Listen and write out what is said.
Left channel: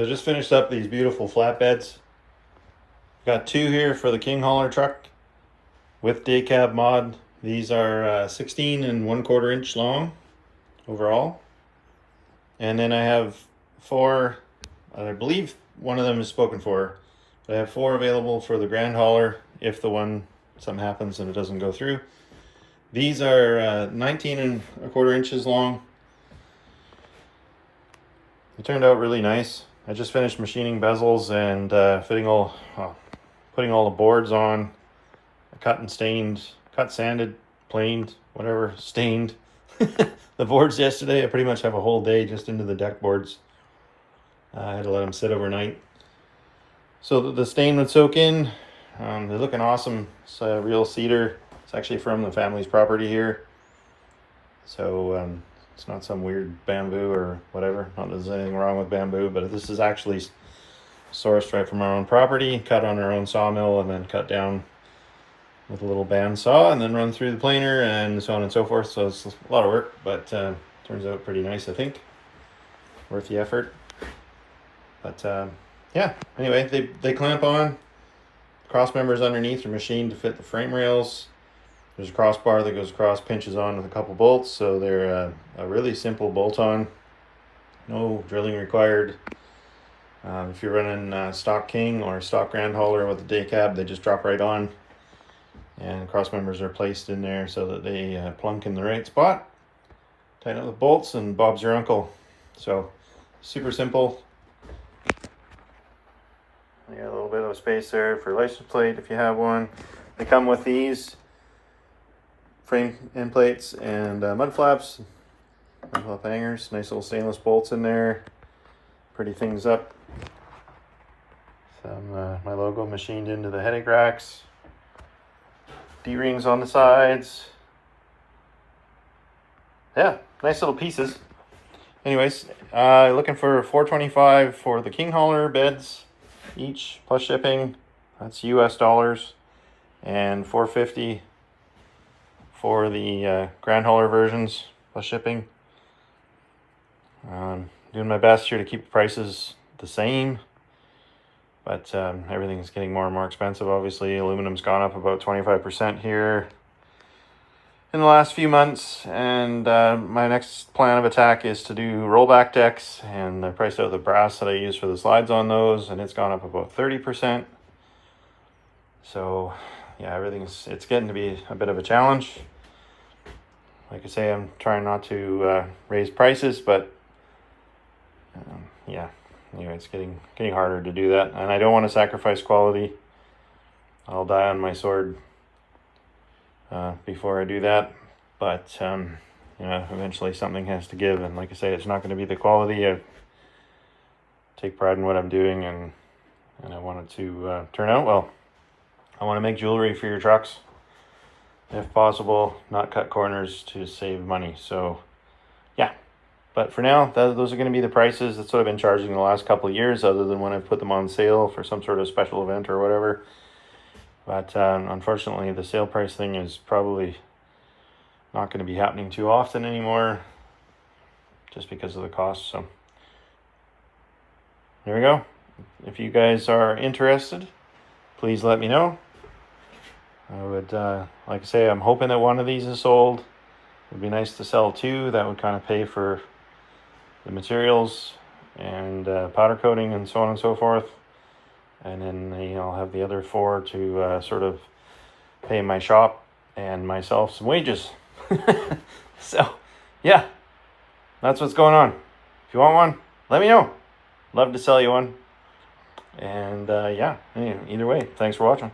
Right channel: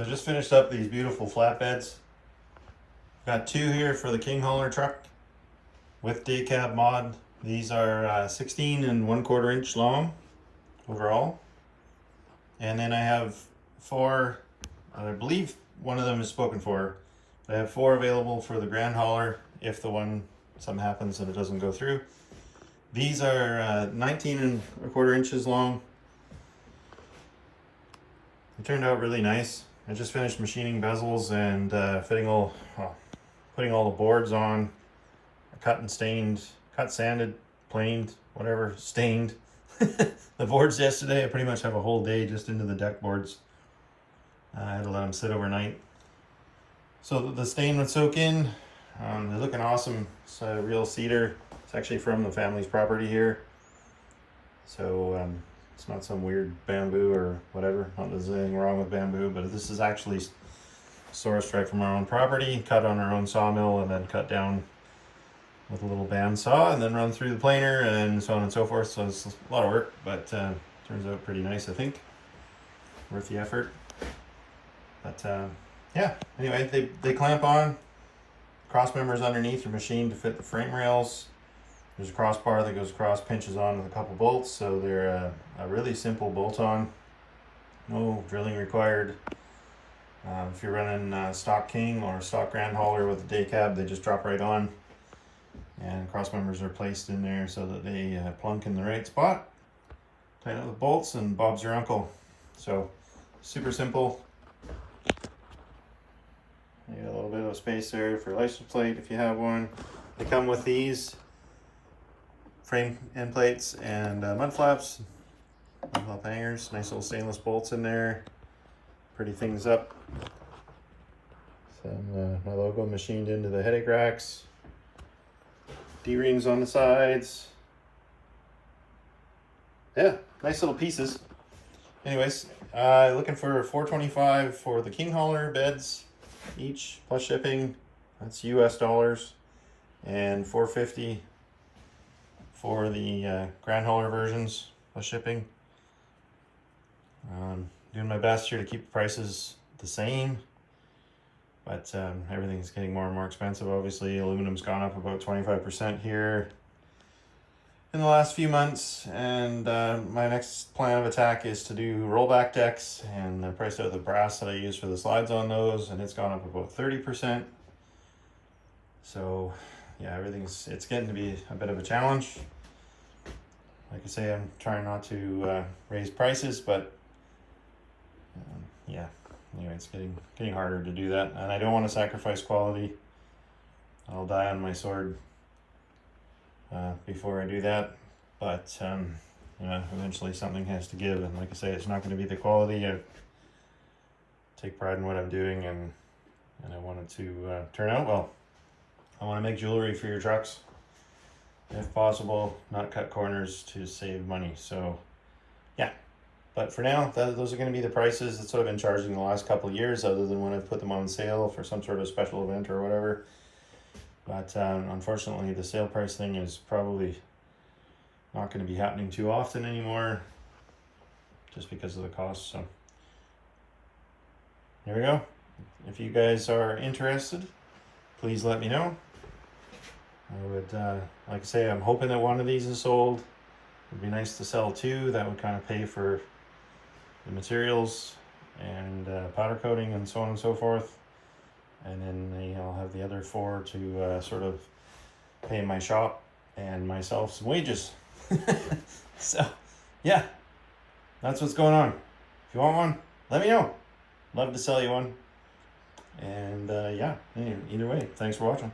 So I just finished up these beautiful flatbeds. Got two here for the King Hauler truck with day cab mod. These are 16 and 1/4 inch long overall. And then I have four, I believe one of them is spoken for. But I have four available for the Grand Hauler if something happens and it doesn't go through. These are 19 and 1/4 inches long. It turned out really nice. I just finished machining bezels and putting all the boards on. I cut, sanded, planed, whatever, stained the boards yesterday. I pretty much have a whole day just into the deck boards. I had to let them sit overnight. So the stain would soak in. They're looking awesome. It's a real cedar. It's actually from the family's property here. So it's not some weird bamboo or whatever. Not that there's anything wrong with bamboo, but this is actually sourced right from our own property, cut on our own sawmill, and then cut down with a little bandsaw, and then run through the planer, and so on and so forth. So it's a lot of work, but turns out pretty nice, I think. Worth the effort. But yeah, anyway, they clamp on. Cross members underneath are machined to fit the frame rails. There's a crossbar that goes across, pinches on with a couple bolts, so they're a really simple bolt-on. No drilling required. If you're running stock King or stock Grand Hauler with a day cab, they just drop right on. And cross members are placed in there so that they plunk in the right spot. Tighten up with bolts and Bob's your uncle. So super simple. We got a little bit of a space there for license plate if you have one. They come with these frame end plates and mud flaps, mud flap hangers, nice little stainless bolts in there. Pretty things up. Some my logo machined into the headache racks. D-rings on the sides. Yeah, nice little pieces. Anyways, looking for $425 for the King Hauler beds each plus shipping. That's US dollars, and $450 for the Grand Hauler versions plus shipping. Doing my best here to keep the prices the same, but everything's getting more and more expensive. Obviously, aluminum's gone up about 25% here in the last few months, and my next plan of attack is to do rollback decks, and I priced out the brass that I use for the slides on those, and it's gone up about 30%. So yeah, it's getting to be a bit of a challenge. Like I say, I'm trying not to raise prices, but yeah, anyway, it's getting harder to do that, and I don't want to sacrifice quality. I'll die on my sword before I do that, but eventually something has to give, and like I say, it's not going to be the quality. I take pride in what I'm doing, and I want it to turn out well. I want to make jewelry for your trucks, if possible, not cut corners to save money. So yeah, but for now, those are going to be the prices. That's what I've been charging the last couple of years, other than when I put them on sale for some sort of special event or whatever. But unfortunately, the sale price thing is probably not going to be happening too often anymore, just because of the cost. So there we go. If you guys are interested, please let me know. I would, like I say, I'm hoping that one of these is sold. It would be nice to sell two. That would kind of pay for the materials and powder coating and so on and so forth. And then I'll have the other four to sort of pay my shop and myself some wages. So yeah, that's what's going on. If you want one, let me know. Love to sell you one. And yeah, either way, thanks for watching.